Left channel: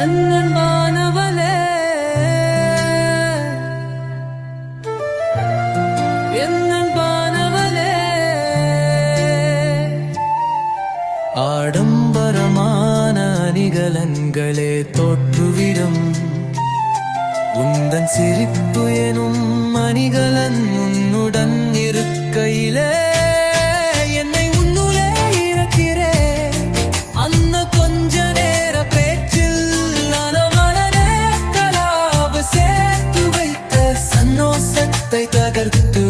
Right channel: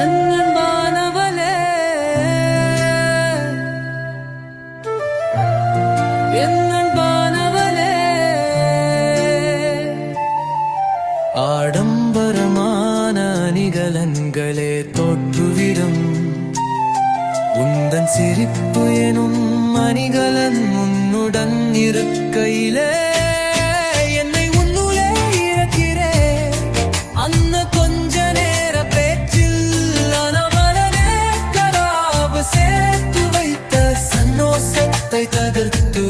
அன்பானவளே, என் அன்பானவளே, ஆடம்பரமான அணிகலன்களே தோற்றுவிடும் உந்தன் சிரிப்பு எனும் அணிகலன் உன்னுடன் இருக்கையிலே என்னை உன்னுளே இழக்கிறே. அந்த கொஞ்ச நேர பேச்சில் சேர்த்து வைத்த சன்னோசத்தை தகர்த்து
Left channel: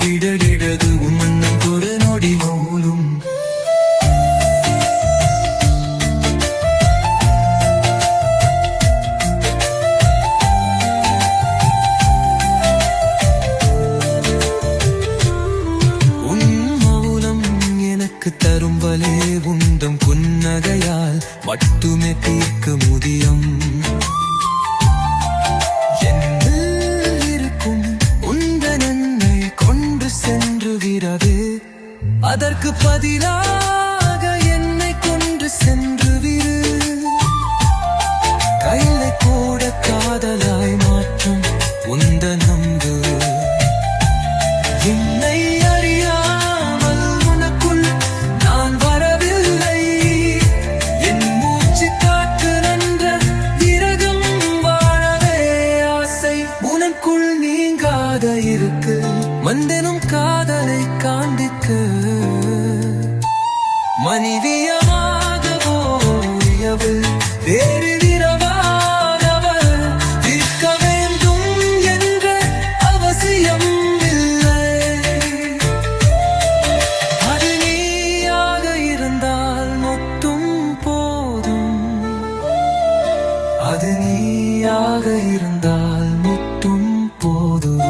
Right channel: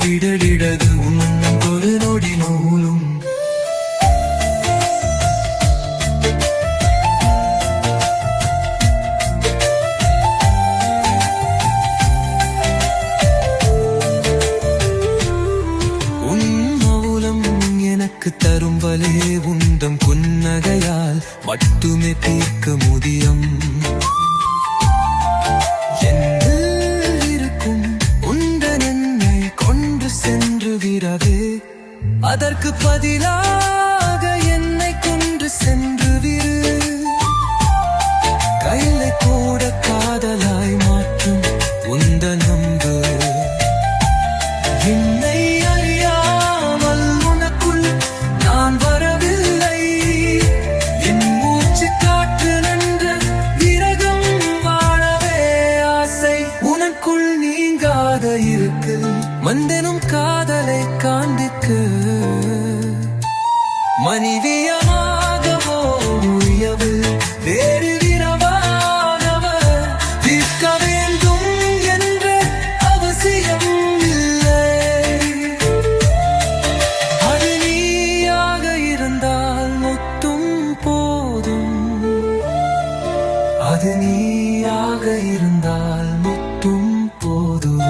விடகிடது உன்னன் ஒரு நொடி மௌலும். உன் மௌலம் எனக்கு தரும் வலே உந்தம் புன்னகையால் மட்டுமே தீர்க்க முடியும். என்னில் இருக்கும் உந்தன் என்னை கொண்டு சென்று விரவு, அதற்கு பதிலாக என்னை கொண்டு சென்று விரு. கைலை கூட காதலாய் மாற்றும் உந்தன் நம்பு. என்னை அறியாமல் உனக்குள் நான் வரவில்லை. என் மூச்சு காற்று நன்ற விரகம் வாழவே ஆசை உனக்குள் நீங்காத இருக்கு. மந்தனும் காதலை காண்பிக்கு மனிதியமாகவோ உயவு வேறு விரவாகவர் தீர்க்க வேண்டும் என்ற அவசியம் இல்லை. அது நீயாக இருந்தால் மொத்தம் போதும். அது நீயாக இருந்தால் மட்டும் போதும்.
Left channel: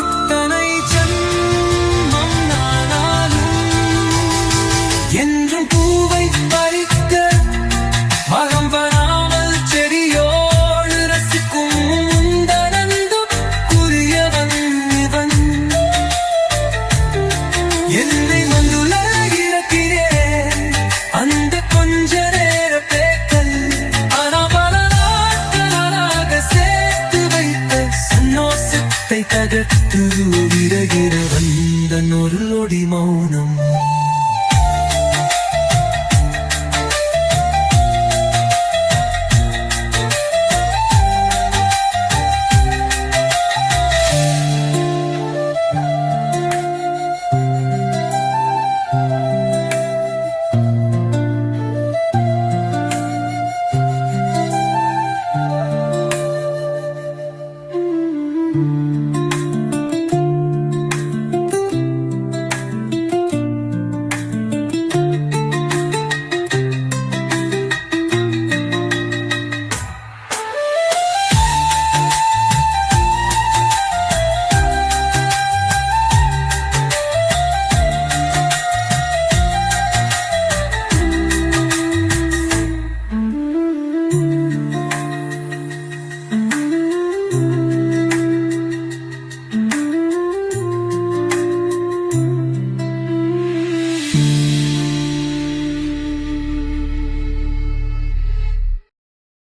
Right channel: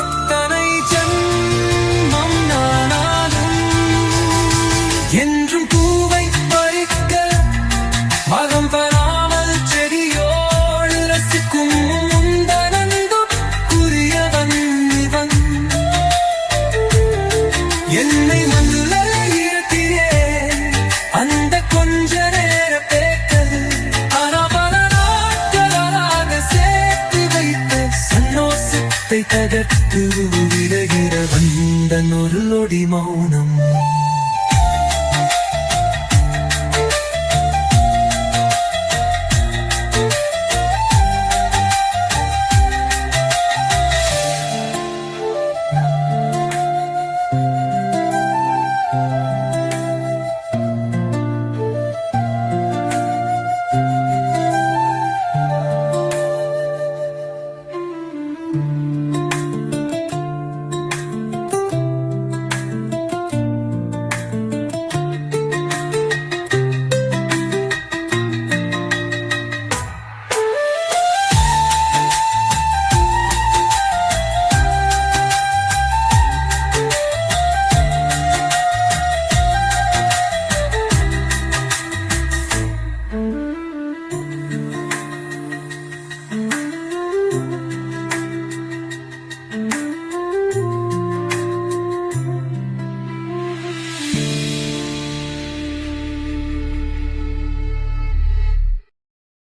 எத்தனை ஜன்மம் நானாலும் என்றும் பூவை பறிக்க மகம் வராமல் செடியோடு ரசிக்கும் முந்தனந்தோ புரியவன் இவன். என்னை வந்துள்ள இருக்கிறேன் அந்த கொஞ்ச நேர பேக்கல். ஆனா பல நாட்களாக சேர்த்து வைத்த சன்னோசத்தை தகர்த்து விடுகிற வந்தன் ஒரு நொடி மௌனம்.